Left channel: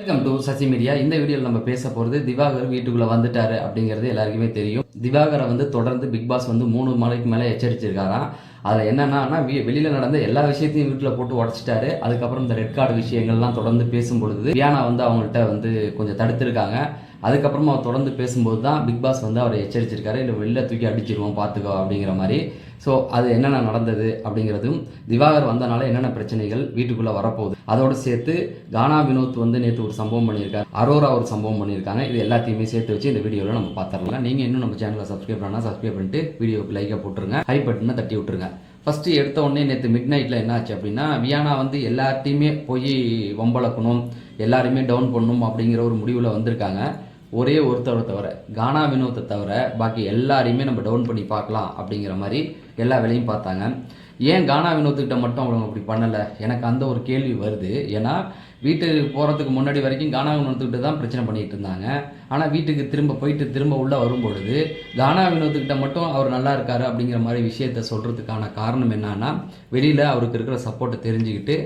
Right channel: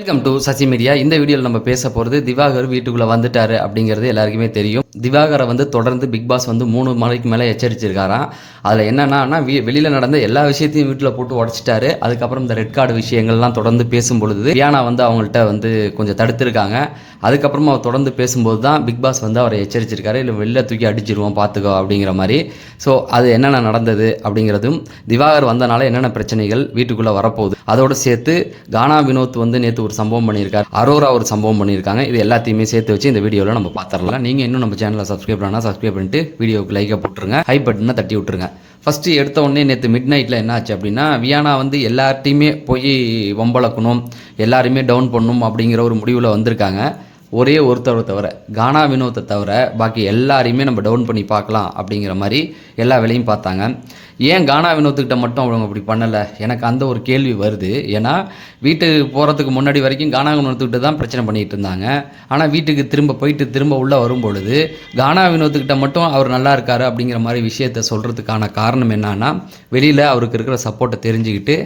Welcome to Sasi media. இந்த வீடியோவில் நம்ம பேச போகிறது திவாகர் வீட்டுக்குள்ளே வந்துட்டாரு அப்படிங்கிறது எல்லாருக்குமே தெரியும். திவாகரை வந்து தொடர்ந்து பிக் பாஸ் வந்து 3 மணிக்கு மேலே எச்சரிச்சிருக்காராம். அதில் என்னென்னா வெளியில் நடந்த எல்லா விஷயத்தையும் வீட்டில் போட்டு உடச்சிட்டாரு. அதுக்கப்புறம் இந்த ரெட் கார்டு விஷயங்கள்லாம் தொடர்ந்து பேசும் பொழுது வியானா வந்து அவங்கள்ட்ட வந்து கொஞ்சம் தடுத்துருக்காங்க. அதுக்கப்புறமா அவர் தொடர்ந்து பேசும்போது தான் பிக் பாஸ் வந்து அவரை எச்சரிச்சிருக்காரு. இல்லை வெளில தூக்கி அடிச்சிருவோம் பார்த்துக்கோ அப்படிங்கிற மாதிரி. ஸோ அது என்னென்ன நடந்தது அப்படிங்கிறதும் திவாகர் வந்தனால என்னென்ன பிரச்சனைகள் வீட்டுக்குள்ளே வரப்போகுது அதோடு சேர்த்து கானா வினோத் வந்து நேற்று ஒரு சம்பவம் பண்ணியிருக்காரு, அரோரா ஒரு சம்பவம் பண்ணியிருக்காங்க. இது எல்லாத்தையுமே சேர்த்து வச்சு இந்த வீடியோவில் நம்ம பார்த்துடலாம். நீங்கள் இன்னும் நம்ம சேனலை சப்ஸ்கிரைப் பண்ணால் சப்ஸ்கிரைப் பண்ணிட்டு வீடியோக்கு லைக்கை போட்டுருங்க, ஹை பட்டனை தட்டி விட்டுருங்க. ஃபஸ்ட்டு எடுத்த உடனே நேற்று மிட் நைட்டில் என்ன ஆச்சு அப்படின்னா, வியானா வந்து எல்லார்ட்டையுமே போய் வம்பளக்கணும், எல்லாருமே டவுன் பண்ணணும் அப்படிங்கிற ஒரு முடிவில் வந்திருக்காங்க. ஒரே ஒருத்தரை தவிர, கானா வினோத்தை தவிர பாக்கி எல்லாரையுமே நம்ம டவுன் பண்ணி பார்க்கலாம் அப்படிங்கிற மாதிரி எல்லா வேலையும் பார்த்தாங்க. ஏன் கானா வினோத்துக்கிட்ட மட்டும் அவங்க அப்படி பண்ணலை, எனக்கு அந்த ஒரு கேள்வி வருது. ஏன்னா வீட்டுக்கு போகிறதுக்கு முன்னாடி வரைக்கும் கானா வினோத்துக்கிட்ட தான் பிரச்சனை பண்ணிகிட்டு இருந்தாங்க. ஆனால் வீட்டுக்கு திரும்ப உள்ளே வரும்பொழுது கானா வினோத்துக்கிட்ட மட்டும் அவர் நல்லா இருக்காரு அப்படிங்கிற மாதிரி விஷயத்த சொல்கிறதுக்கான காரணம் என்னன்னா, வெளியில் அவருக்கு இருக்கிற சப்போர்ட்டை தெரிஞ்சுக்கிட்டு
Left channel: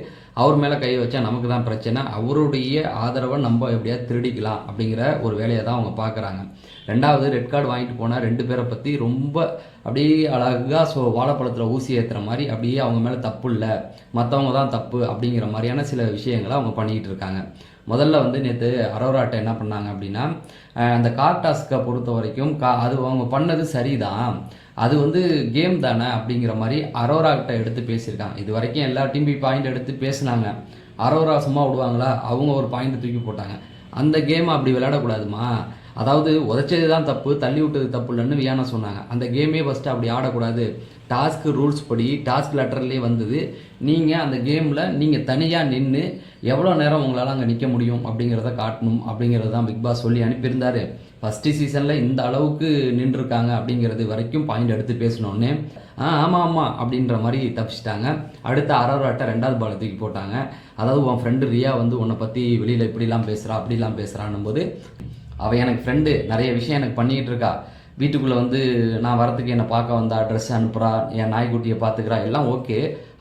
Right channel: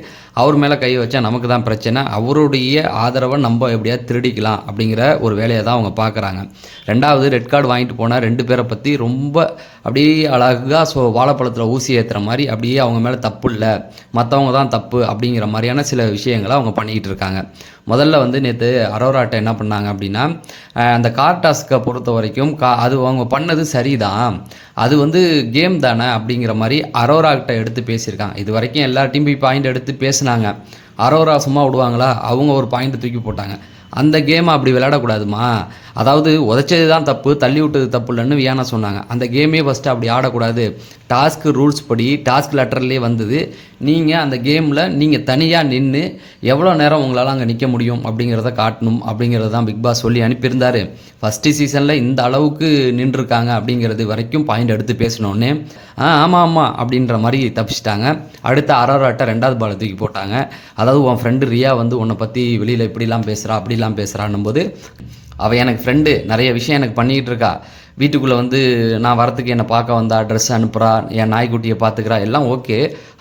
அவர் மேலே கை வச்சா நமக்கு தான் பிரச்சனை, அவருடைய ஆதரவை நம்ம எப்படியாவது திருடிக்கலாம் அப்படிங்கிற ஒரு வேலையை தான் அவங்க பார்க்குறாங்க. ரெண்டாவது, ரெட் கார்டு வாங்கிட்டு போனால் 2 பேரை பற்றி ரொம்ப அப்படியே அழகாக வாழைப்பழத்தில் ஊசி ஏற்றுற மாதிரி அப்படியே அவங்க மேலே தப்பு இல்லை, மற்றவங்க தான் தப்பு அப்படிங்கிற மாதிரியான சில விஷயங்களை அவங்க பண்ணிக்கிட்டு இருக்காங்க. முதல்ல வந்து நேற்று அரோராட்டை என்ன பண்ணாங்க அப்படின்னா, அந்த கார் டாஸ்க்கை பொறுத்த வரைக்கும் அது அவங்க பண்ணது சரிதான், அது வந்து கேம் தானே அப்படிங்கிற மாதிரி அரோராக்கிட்ட எடுத்து பேசியிருக்காங்க. இது வரைக்கும் எல்லார்ட்டையும் போய் பாயிண்ட் எடுத்து பேசினாங்க. அரோரா சும்மா விடுவாங்களா, அவங்க ஒரு பாயிண்ட் தூக்கி போட்டாங்க. அந்த கேமை அப்படி விளையாடக்கூடாதுமா, அதாவது உதைச்சது தான் தப்பு, தள்ளி விட்டது தப்பு இல்லைன்னு வியானா சொன்னாங்க. அந்த கேமே ஃபஸ்ட்டு அப்படி ஆடக்கூடாது, டாஸ்க்கு ரூல்ஸ் படி டாஸ்க் லெட்டர்லேயே வந்தது, நீங்கள் அந்த கேமில் நீங்கள் தனியாக நின்று எவ்வளோ நேரம் உங்களால் அங்கே நிற்க முடியும் அப்படிங்கிறத காட்டணும் அப்படிங்கிறது தான் பிக் பாஸ் சொல்லி அனுப்பியிருந்தார். ஃபஸ்ட்டு சீசனில் இந்த அளவுக்கு நின்றுருக்காங்க அப்படிங்கிறது வரைக்கும் பாயிண்ட் எடுத்து பேசினோடனே ஆமாம் அப்படின்ற மாதிரி தப்பிச்சிட்டாங்க. அடுத்த அரோராட்டை 2வது பாலை தூக்கி போட்டாங்க. அதாவது உன் ஃப்ரெண்டு ரியா வந்து உன்னை பற்றி வெளியில் இப்படிலாம் பேசுகிறா அப்படிலாம் பேசுகிறான்னும் போது, அவள் எனக்கு ஃப்ரெண்டு, நிறைய விஷயம் எனக்கு பண்ணிக்கிட்டு இருக்கா, வீட்டுக்குள்ளே வந்து நான் வரத்துக்கு என்னை பார்க்க வந்தா, ட்ரெஸ் அனுப்புகிறா, என் நாய்க்குட்டியை பார்த்துக்கிறா, எல்லாம் ஓகே,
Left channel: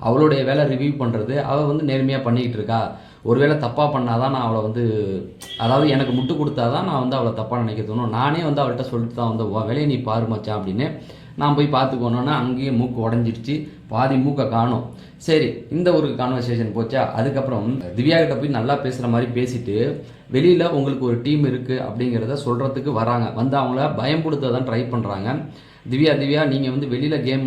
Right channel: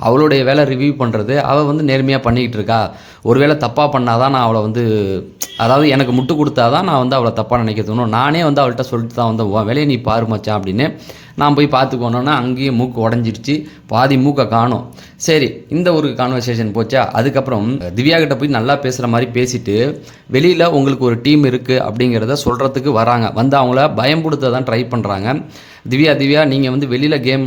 அவளுடைய வேலை ரிவ்யூ பண்ணுறது, அவள் வந்து நேர்மையாக பண்ணிக்கிட்டு இருக்கா. ஒருவேளை தப்பாக பண்ணாதான் நான் அவளை வந்து, அதாவது எனக்கு முட்டு கொடுத்தா தான் நான் வந்து அவளை தப்பாக நினைக்க தோணும், நானே வந்து அவள்கிட்ட சொல்லிட்டு தான் வந்து உன் வேலையை நீ பாரு மச்சான் அப்படின்னு நான் போய் பார்த்துக்கோனோன்னா அங்கேயே மூக்கு உடஞ்சிருச்சு, பாதி மூக்கை காணும். சரி, இந்த ஒரு கான்வர்சேஷன் போச்சா. அதுக்கப்புறம் திவ்யா கிட்ட போய் நல்லா பேசுகிற மாதிரி பேசிட்டு வெளியில் உங்களுக்கு ஒரு டீம் இருக்குது அப்படிங்கிறத சொல்கிறதுக்கு வராங்க. வந்து அவங்கள பயம்படுத்த தான் ட்ரை பண்ணுறாங்க. திவ்யா நீங்கள் வந்து வெளியில் கேம்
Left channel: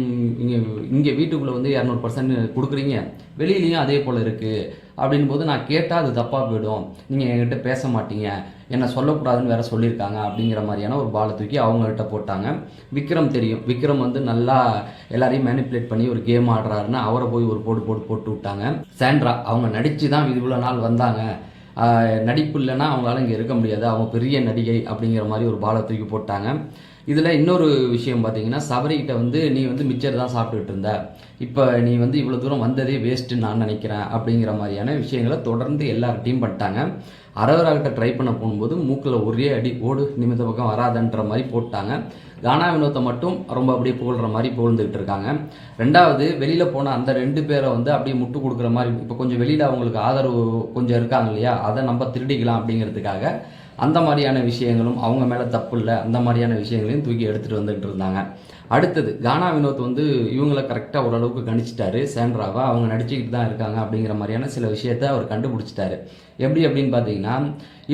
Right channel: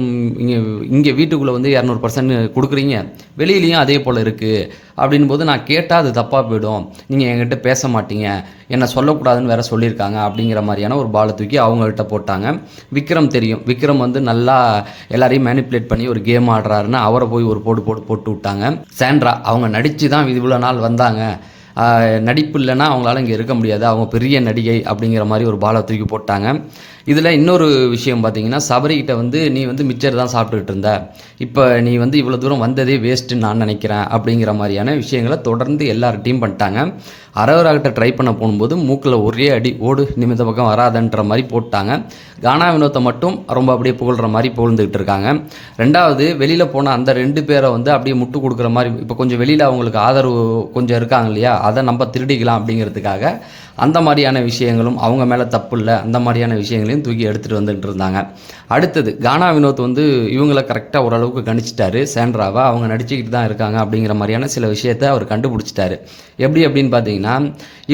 இங்கே வீட்டுக்குள்ளே வந்து 200% கொடுக்குறீங்க, வெளியிலையும் அதே போல் இருக்குது அப்படின் போது நான் கேட்டால் அது தப்பாக போயிடும், நீங்கள் என்கிட்ட பேச மாட்டீங்க, என்னை சொல்லக்கூடாதுன்னு வேறு சொல்லியிருக்காங்க அப்படிங்கிற மாதிரியான ஒரு பாலை தூக்கி அவங்கள்ட்ட போட்டாங்க. விக்ரம் தெரியும், விக்ரம் வந்து நல்லா எல்லாரையும் மேனிப்புலேட் பண்ணி ஒரு கேம் ஆடுறாருன்னு அவரை போய் ஒரு போட்டு விட்டாங்க. சாண்ட்ரா அவங்க நடித்து தான் இவ்வளோ நாள் வந்தாங்க, நடிப்பு இல்லைன்னா அவங்களால இங்கே இருக்க முடியாது, அவங்க பெரிய நடிகை அப்படிங்கிற மாதிரி ஒரு பாலை தூக்கி போட்டாங்க. இதில் இன்னொரு விஷயம் பார்த்தீங்கன்னா, சபரிக்கிட்ட வந்து நீ வந்து மிச்சர் தான் சாப்பிட்டுக்கிட்டு இருந்த, இப்போ நீ வந்து இவ்வளோ தூரம் வந்ததே வேஸ்ட்டுன்னு நான் நினைக்கிறேன் அப்படிங்கிற மாதிரியான விஷயங்களை தொடர்ந்து எல்லார்ட்டையும் பண்ணிட்டாங்க. அரோராகிட்ட ட்ரை பண்ண போகும்போது மூக்கில் ஒரே அடி, ஓடு நிமித்த பக்கம் வராதன்ற மாதிரி போட்டாங்க. கானா வினோத்தை மட்டும் ரொம்ப அப்படியே புகழ்கிற மாதிரி புகழ்ந்துக்கிட்டு இருக்காங்க. ரெண்டாவது, வெளியில் போன அந்த 2 பேரை வந்து அப்படியே முட்டு கொடுக்குற மாதிரி, இப்போ கொஞ்சம் வெளியில் அவங்களுக்கு ஆதரவு கொஞ்சம் இருக்காங்க இல்லையா, அதை நம்ம திருடிக்கலாம் அப்படிங்கிறதுக்காக அந்த மாதிரியான விஷயங்களும், அவங்க மேலே தப்பு இல்லை அந்த மாதிரியான விஷயங்களையும் தூக்கி எடுத்துகிட்டு வந்துட்டு இருந்தாங்க. அடுத்தது, கானா வினோத் வந்து இவங்களை கரெக்டாக ஓரளவுக்கு கணிச்சிட்டாரு. சாண்ட்ராவை அவங்க நடிச்சுக்கிட்டு தான் இருக்காங்க அப்படிங்கிற மாதிரியான சில விஷயத்தை அவர் கண்டுபிடிச்சிட்டாரு. எப்படி அப்படின்னு பார்த்தீங்கன்னா,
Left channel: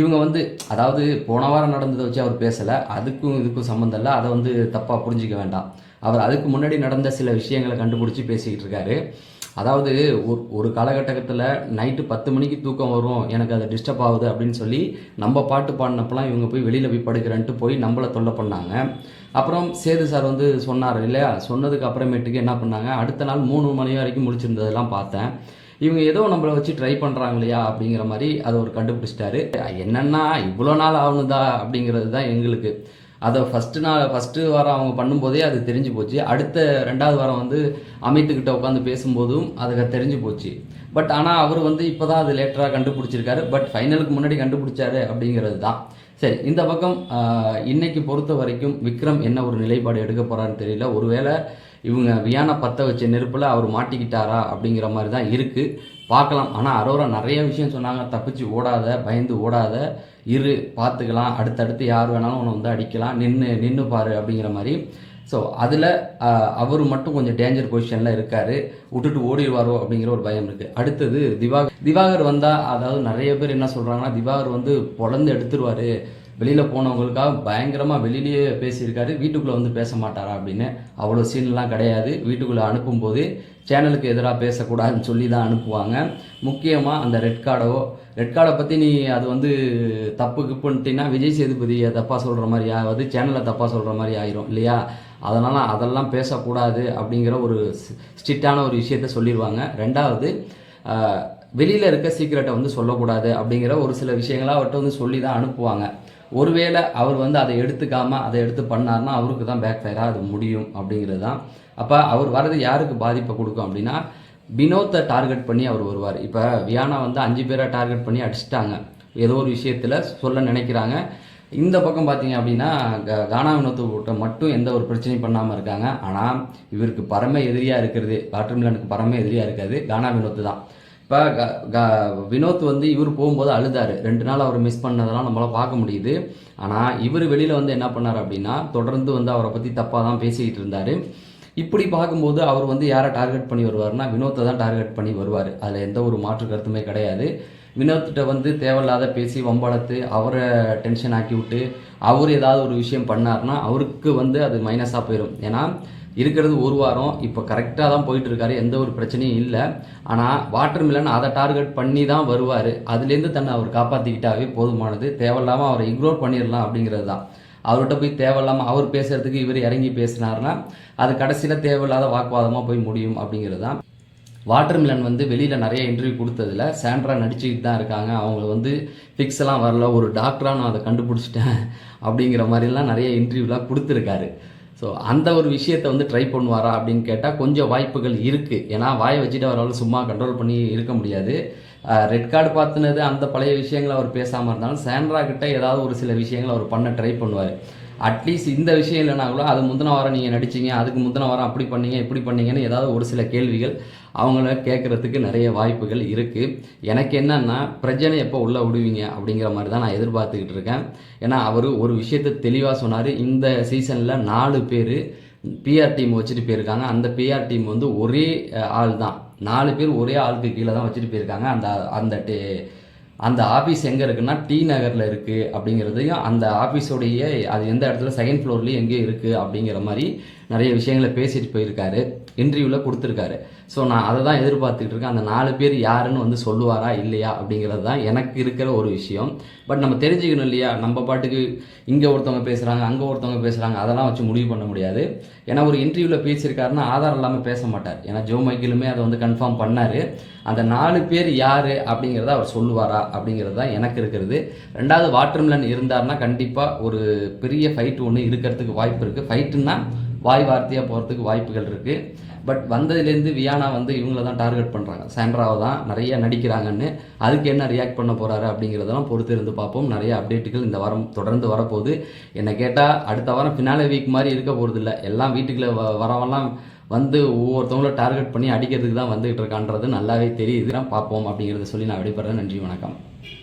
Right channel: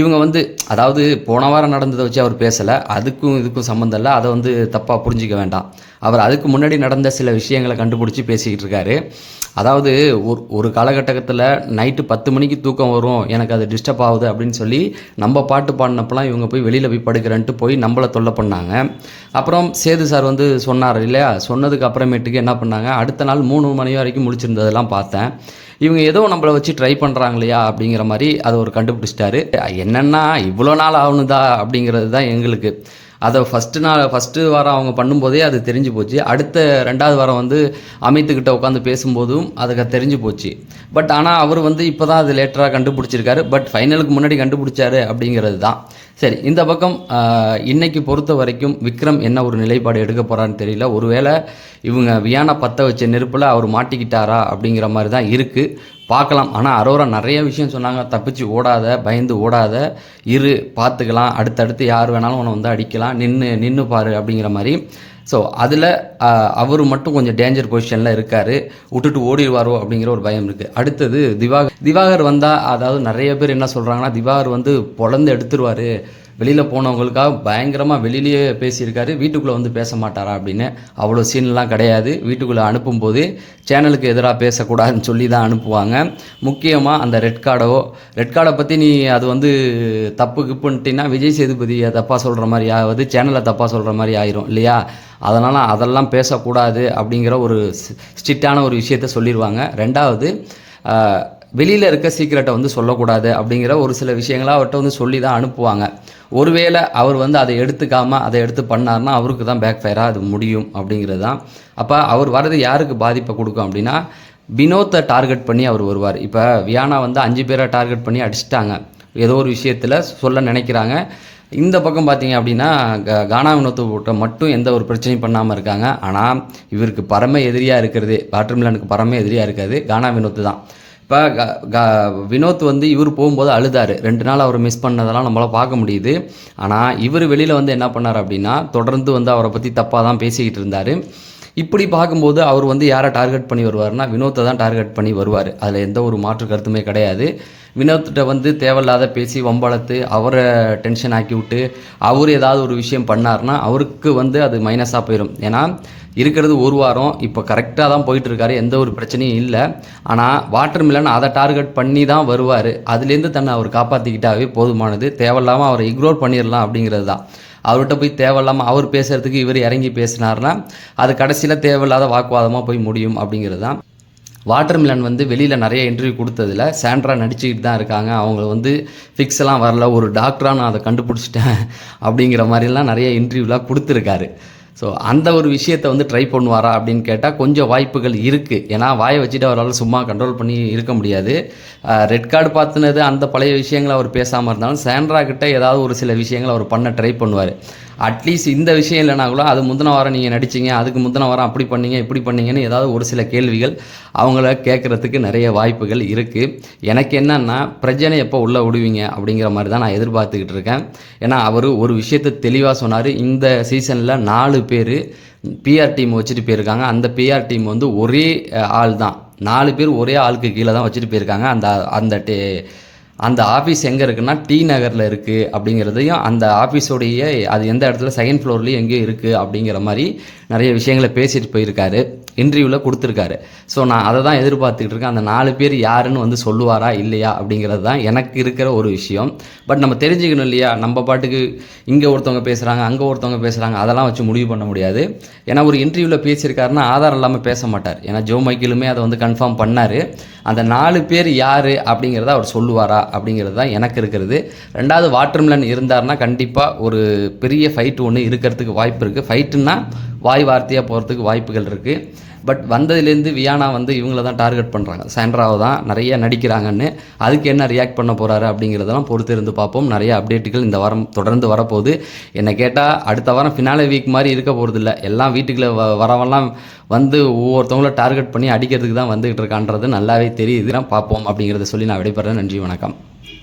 இவங்க வந்து, அதாவது போன வாரம் நடந்ததை வச்சு அவர் பேசலை, அதுக்கும் இதுக்கும் சம்மந்தம் இல்லை, அதை வந்து தப்பாக புரிஞ்சிக்க வேண்டாம். அவர் அதுக்கு முன்னாடி நடந்த சில விஷயங்களை கண்டுபிடிச்சி பேசிக்கிட்டு இருக்காரு. அதாவது ஒரு காலகட்டத்தில் நைட்டு 10 மணிக்கு தூக்கம் வரும், எனக்கு அது டிஸ்டர்ப் ஆகுது அப்படின்னு சொல்லி நம்ம பாட்டு பாடினப்பெல்லாம் இவங்க போய் வெளியில் போய் படுக்கிறேன்ட்டு போய் நம்மளை தொல்லை பண்ணாங்க. அப்புறம் சேது சார் வந்து சொன்னார் இல்லையா, சொன்னதுக்கு அப்புறமேட்டுக்கு என்ன பண்ணாங்க, அடுத்த நாள் 3 மணி வரைக்கும் முடிச்சிருந்ததெல்லாம் பார்த்தேன். இவங்க ஏதோ நம்மளை வச்சு ட்ரை பண்ணுறாங்க இல்லையா அப்படிங்கிற மாதிரி அதை ஒரு கண்டுபிடிச்சிட்டாரு. என்னென்னா இவ்வளோ நாள் ஆகணுதா அப்படிங்கிறது தான் எங்களுக்கு. அதை ஃபஸ்ட்டு வாரம் அவங்க பண்ணும்போதே அது தெரிஞ்சு போச்சு. அடுத்த 2வது வாரம் வந்து அமித்துக்கிட்ட உட்காந்து பேசும்போதும் அதுக்கு தெரிஞ்சு போச்சு. பட் ஆனால் அவர் வந்து இப்போ தான் அது லேட்டராக கண்டுபிடிச்சிருக்காரு. பட் ஃபைனலுக்கு முன்னாடி கண்டுபிடிச்சாரு அப்படிங்கிறது தான். சரி, இந்த பக்கம் இன்னைக்கு பொறுத்த வரைக்கும் விக்ரம் என்ன ஒரு நிலைப்பாடு எடுக்க போகிறான்னு தெரியல. ஒருவேளை இவங்க வியானா பற்ற வச்ச நெருப்பில் அவர் மாட்டிக்கிட்டாரா அப்படிங்கிற மாதிரி தான் இருக்குது. பார்க்கலாம். ஆனா அரோரா நெறைய விஷயம் சொன்னாங்க. தப்பிச்சு ஓடாத, பயந்து ஓடாத, இரு பார்த்துக்கலாம். அடுத்தடுத்து யார் வேணாலும் உன்ன வந்து அடிக்கலாம். நின்னு பாரு அப்படிங்கிற மாரி. ஸோ அதில அவரு மட்டும் கொஞ்சம் டேஞ்சர் பொசிஷன்ல இருக்காரு. விட்டுட்டு ஓடிருவாரோ அப்படிங்கிற ஒரு பயம் இருக்கு. அடுத்தது திவாகர் வந்தா, அதாவது நெறைய பேர் என்ன சொல்றாங்கன்னா, திவாகர் வந்து பொளந்து எடுத்துருவாரு. வெளியில போனவங்களுக்காக பயங்கரமா வெளியிலேயே பேசியிருக்காரு. வீட்டுக்குள்ள வந்து பேச மாட்டாரா அப்படின்னு. அவ்வளோ சீன்லாம் கிடையாது. வீட்டுக்குள்ள அனுப்பும்போது சேனலுக்கு எதிரா பேசக்கூடாதுன்னு சொல்லி தான் அனுப்புவாங்க. முக்கியமா அந்த ரெட் கார்ட பத்தி நீ அது வந்து தப்பு கிப்புன்ட்டின்னா விஜய் சேதுபதிய தப்பா சொல்ற மாரி ஆவது, சேனல தப்பா சொல்ற மாரி ஆயிரும் இல்லையா? அதனால அதெல்லாம் பேசக்கூடாது அப்படிங்கிற ஒரு ஸ்ட்ரிக்ட்டான ஒரு விஷயத்த சொல்லிருவாங்க. 2வது வெளியில இருக்க சீக்ரெட்ட வந்து சொல்லக்கூடாது அப்படிங்கிற ஒரு சில விஷயங்கள அவர்ட்ட வந்து சொல்லி தான் அனுப்புவாங்க. ஒருவேளை அவர் வந்து அதை எடுத்துக்காம அதை எடுத்து பண்ணாருன்னா அவருக்கு தான் பேக் ஃபயரா அது முடியும் அப்படிங்கிறது தான். அப்ப அவர் வரது யாருக்கு பாதிப்பை கொடுக்கும் அப்படின்னா, வினோத்தை டார்கெட் பண்ணி அவர் வருவார். இப்போ வியானா வந்து 5 பேரை டார்கெட் பண்ணி அடிச்சிட்டாங்க. ஏதோ ஒரு விஷயத்தில் சொல்ல நினைக்கிறாங்க. இந்த பக்கம் பார்த்தீங்க அப்படின்னா கானா வினோத்தை மட்டும் எந்த ஒரு பிரச்சனையும் பண்ணாமல் இருக்காங்க. ஆனால் இவருக்கு பரம எதிரியாக இருக்கிறது, வாட்டர்மெலனுக்கு பரம எதிரியாக இருக்காது கானா வினோத்து தான். இப்போ வினோத் வந்து இவர் போகும்போது அழுதாரு. 2 நாள் அவர் மிஸ் பண்ணதெல்லாம் நம்மளால் பார்க்க முடியுது. ஆனால் இவர் வெளியில் வந்து என்ன பண்ணார் அப்படின்னா, தொடர்ந்து வந்து அவரை பற்றி தப்பாக தான் பேசிக்கிட்டு இருந்தார். இப்படி பார்க்கும்போது அவர் வந்து யாரை டார்கெட் பண்ணி வருவார்னா, வினோத்தை தான் டார்கெட் பண்ணி வருவார். அதில் எந்த ஒரு மாற்று கருத்துமே கிடையாது. வினோத்திட்ட வந்து தேவையில்லாத பேசி வம்பளத்து அவரை டென்ஷன் ஆக்கி விட்டு அவர் ஏதாவது ஒரு விஷயம் பண்ணார்னா அவருக்கு வந்து அது மைனஸாக போயிடும். ஏன்னா இருக்கிறது ஒரு வாரம் இப்போ கரெக்டாக தான் போயிட்டுருக்காரு, எந்த ஒரு பிரச்சனையும் இல்லை. ஆனால் வாட்டர்மெலன் அதை டார்கெட் பண்ணி தான் வருவார். அதுலேருந்து தன்னை அவர் காப்பாற்றிக்கிட்டாவே போதுமானது. தேவையில்லாமல் அவரை இக்னோர் பண்ணிடலாம் அப்படிங்கிறது தான். அவர்கிட்ட போய் தேவையில்லாமல் அவர் பேசுகிறதுக்கு இவர் இறங்கி பேசினார்னா அது கடைசியில் தேவையில்லாத வாக்குவாதமாக போய் முடியும் அப்படிங்கிறது தான். வாட்டர்மெலன் வந்து வெளியில் நிறைய இன்டர்வியூ கொடுத்ததில் சாண்ட்ரா நடிச்சுக்கிட்டு தான் இருக்காங்க. அவங்க வந்து ஃபிக்ஸ்லாம் வரல, ஒரு டாக்டராக நான் அதை கண்டுபிடிச்சிட்டேன் அப்படிங்கிற மாதிரிலாம் நிறைய இன்டர்வியூலாம் கொடுத்துருக்காரு. ஸோ அந்த ஒரு விஷயத்தை வந்து ட்ரை பண்ணுவாரா அப்படின்னு கேட்டால் கொஞ்சம் வாய்ப்புகள் இருக்குது. ஏன்னா வாயை வச்சுட்டு அவரால் சும்மா கண்ட்ரோல் பண்ணி இருக்க முடியாது. ரெட் கார்டு பார்த்துனது அந்த பழைய விஷயங்களை அவர் பேசாமல் இருந்தாலும் சாண்ட்ரா கிட்ட ஏதாவது ஒரு சில விஷயங்களை அவர் பண்ண ட்ரை பண்ணுவார். அட்லீஸ்ட் இந்த விஷயம் இல்லைனா கூட அது முந்தின வாரம் நீங்கள் நடிச்சிங்க, அதுக்கு முந்தின வாரம் அப்படி பண்ணீங்க இப்படி பண்ணீங்கன்னு ஏதாவது ஒரு சில கேள்விகள் அவங்கள கேட்குறதுக்கு நிறைய வாய்ப்புகள் இருக்குது. எனக்கு என்னன்னா, பிரஜனை எப்போ உள்ளே விடுவீங்க அப்படிங்கிற மாதிரி தான் நான் எதிர்பார்த்துக்கிட்டு இருக்கேன். ஏன்னா அவர் ஒரு விஷயத்தை தெளிவாக சொன்னார். இந்த சீசனில் 4 பேர் பிஆர் டீம் வச்சுட்டு போயிருக்காங்க. அந்த பிஆர் டீம் வந்து ஒரே ஆள் தான், 4 பேர் ஒரே ஆளுக்கு கீழே தான் வச்சுட்டு போயிருக்காங்க. அந்த அந்த ஆஃபீஸ் எங்கே இருக்குன்னா டி நகரில் இருக்குது அப்படிங்கிறதையும், அந்த ஆஃபீஸோடைய அது எந்த இடத்துல செகண்ட் ஃப்ளோர்லேயும் எங்கேயும் இருக்குது அப்படிங்கிற மாதிரி நிறைய விஷயங்களை பேசிட்டு போயிருக்காரு, இன்டர்வியூவில் கொடுத்துருக்காரு. ஸோ நான் அதை தான் எதிர்பார்த்துக்கிட்டு இருக்கேன். அந்த 4 பேர் யாருன்னு வந்து சொல்லுவாரா இல்லையா அப்படிங்கிறது தான் எனக்கு இருக்கிற ஒரு விஷயம். பட் நம்ம தெரிஞ்சுக்கணும் இல்லையா, நம்ம பாட்டுக்கு இங்கே ஒருத்தவங்க பேசுகிறாங்க அங்கே ஒருத்தவங்க பேசுகிறாங்க அதெல்லாம் வச்சு முடிவு பண்ண முடியாது. ஏன்னா ஒரு இன்டர்வியூவில் பேசியிருக்காருன்னா ஆதாரம் இல்லாமல் பேச மாட்டார். ஏன்னா ஜோ மைக்கேலுமே அதை வந்து கன்ஃபார்ம் பண்ணார். அந்த 4 பேர் யார் அப்படிங்கிறத அவர் சொல்லுவாரா அப்படிங்கிறது தான் எனக்கு இருக்கிறது. 2வது வாட்டர்மெலன் இருந்தார்னா கண்டிப்பாக ஒரு பெரிய ஃபைட் ஒன்று இருக்கிறதுக்கு வாய்ப்பு இருக்குது. ஃபைட்டுன்னா வாய் வார்த்தையாக போகிறதுக்கு வாய்ப்புகள் இருக்குது. பட் வந்ததுலேருந்து வியானா வந்து இவங்கள தான் டார்கெட் பண்ணுறாங்க, சாண்ட்ராவை தான் நிறைய நடிக்கிறாங்கன்னு. அதுக்கு என்ன ரியாக்ட் பண்ண போகிறாரு அப்படிங்கிறதெல்லாம் பொறுத்து இருந்து பார்ப்போம். நிறைய அப்டேட்டுகள் இந்த வாரம் தொடர்ந்து வரப்போகுது. என்னை கேட்டால் அடுத்த வாரம் ஃபினாலே வீக் மாதிரி இருக்க போகிறதில்ல. எல்லாம் வீட்டுக்குள்ளே வரவெல்லாம் வந்து ஒவ்வொருத்தவங்கள டார்கெட் பண்ணி அடிக்கிறதுக்கு தான் வந்துகிட்டு இருக்கான்றது நல்லாவே தெரியுது. பார்ப்போம் அப்படிங்கிறத சொல்லி நான் விடைபெறேன். நன்றி, வணக்கம்.